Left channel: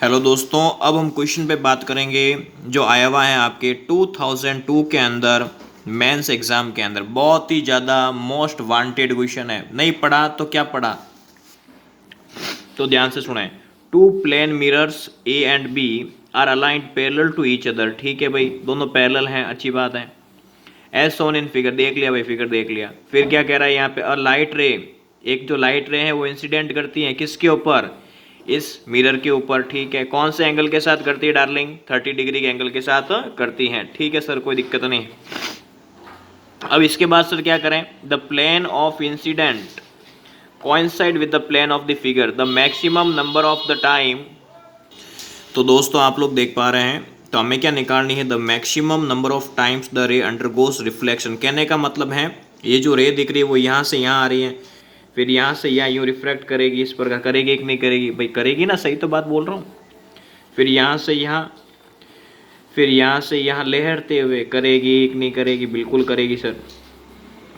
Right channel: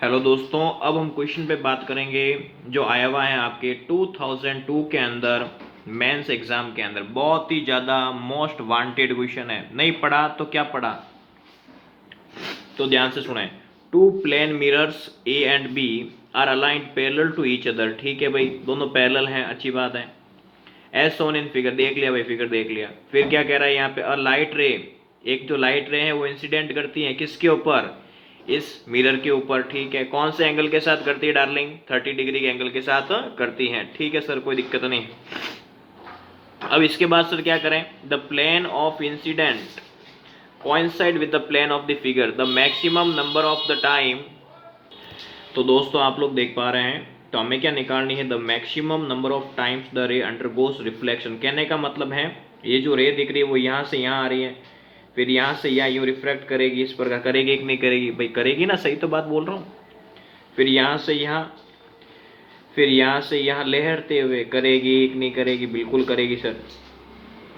Hello दोस्तों, अब हम क्वेश्चन पे बात करेंगे जो आया हुआ है आपके 2002 के अंदर मेंस एग्जाम के अंदर। बहुत ही ज़्यादा मोस्ट वांटेड क्वेश्चन है। नहीं पढ़ा तो क्या पढ़ा, तो ध्यान से सुने। Two plane mirrors A and B are aligned parallel to each other. ठीक है भाई, दोनों पैरेलल हैं, अच्छी बात है। एज सोन इन फिगर, देख लिया भाई, फिगर देख लिया। फिर क्या कह रहा है यहाँ पे, अ लाइट रे, एक जो लाइट रे है वो इंसिडेंट करती है किसके ऊपर, इस मिरर के ऊपर। ठीक है, कौन से एंगल के साथ करती है डार्लिंग, 30 डिग्री के एंगल के साथ करती है। ठीक है सर, कोई दिक्कत नहीं। अब इसके बाद सर क्या करें, the plane of incident coincide with the plane of the figure, the maximum number of the time। तो दोस्तों आप लोग देख पा रहे हैं, तो हमें क्या निकालनी है, the maximum number of times the रे अंडरगोस रिफ्लेक्शन। कहने का मतलब है ये जो रे दिख रही है वो यहाँ से यहाँ आ रही है, फिर यहाँ से यहाँ यूँ रिफ्लेक्ट करेगी, इस प्रकार करेगी कि नहीं करेगी भाई, करेगी ना, सही तो बात बोल रहा हूँ। फिर यहाँ से यहाँ, फिर यहाँ से यहाँ लहरते हुए करेगी कि नहीं करेगी, बिल्कुल करेगी सर।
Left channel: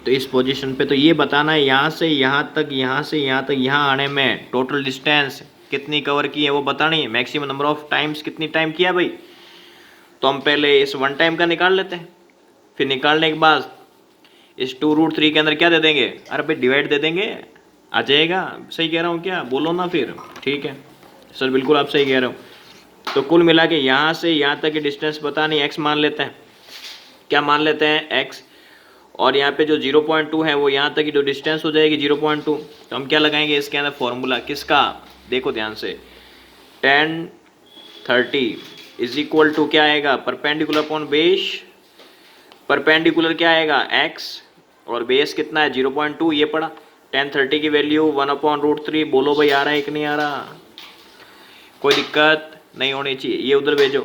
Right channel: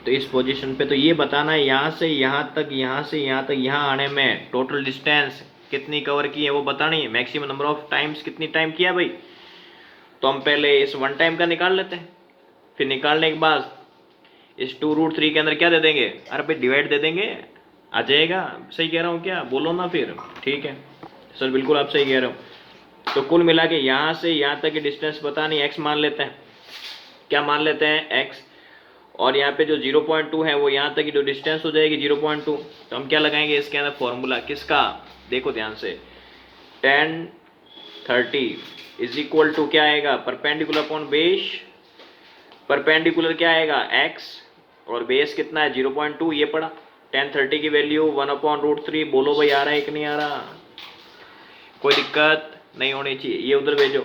तो इस पोजीशन पे तो ये बताना है यहाँ से यहाँ तक, यहाँ से यहाँ तक, यहाँ आने में टोटल डिस्टेंस कितनी कवर की है वो बतानी है। मैक्सिमम नंबर ऑफ टाइम्स कितनी टाइम किया भाई, तो हम पहले इस वन टाइम का निकाल लेते हैं। फिर निकालने के बाद इस 2√3 के अंदर क्या दे देंगे, अरे भाई डिवाइड दे देंगे, आ जाएगा। सही कह रहा हूँ क्या, बोलो ना फिर। ठीक है सर, बिल्कुल आप सही कह रहे हो। तो कुल मिला के यहाँ से यहाँ तक की डिस्टेंस बतानी, एक्स मान लेते हैं। क्या मान लेते हैं, एक्स। और यहाँ पे जो 0.2 है वो यहाँ तक की जो डिस्टेंस हो जाएगी 0.2। तो हम क्या लगाएंगे इसके अंदर फॉर्मूला किसका, देखो ध्यान से। tan 30 इज इक्वल टू क्या आएगा, परपेंडिकुलर अपॉन बेस। परपेंडिकुलर क्या आएगा, x, और बेस कितना है 0.2, ये पड़ा। tan 30 की वैल्यू 1/√3। बोलो भाई आ रहा है कि नहीं आ रहा, कोई दिक्कत नहीं होनी चाहिए, ये उधर भेजो।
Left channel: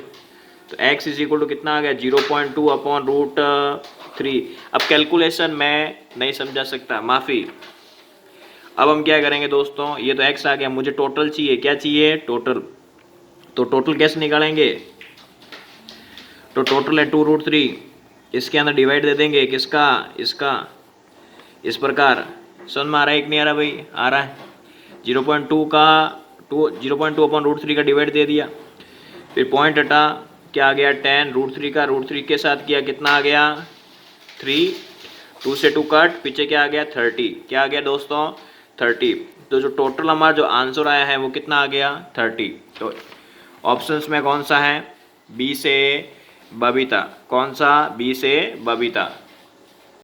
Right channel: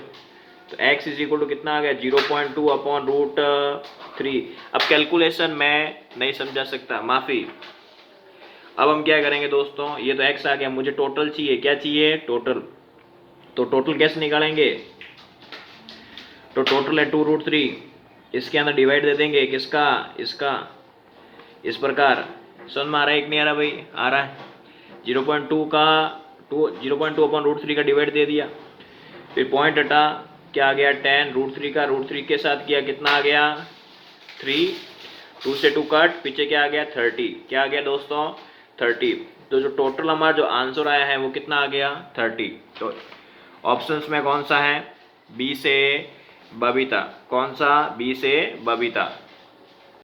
तो x इज इक्वल टू कितना आ गया, 0.2/√3। अब कैलकुलेशन मैं नहीं समझा सकता, माफ़ी। अब हम क्या करेंगे दोस्तों, ये तो x आ गया, मुझे टोटल चाहिए। क्या चाहिए, टोटल। तो टोटल कैसे निकालेंगे, तो टोटल है 2√3, इसके अंदर डिवाइड दे देंगे किसका, इसका, इस प्रकार। समझ में आ रहा है कि नहीं आ रहा भाई, आ रहा है। 0.2 का 0.2/√3 का डिवाइड दे दिया, फिर पॉइंट हटा, क्या आ गया, tan√3 का √3 के साथ किया, कितना आ गया 3, 2 से 2 कट, पीछे क्या आ गया 30। क्या आ गया दोस्तों 30। तो जो टोटल हमारा जो आंसर आया है वो कितना आ गया 30। तो ऑप्शंस में कौन सा है, बी से बबीता। कौन सा, बी से बबीता।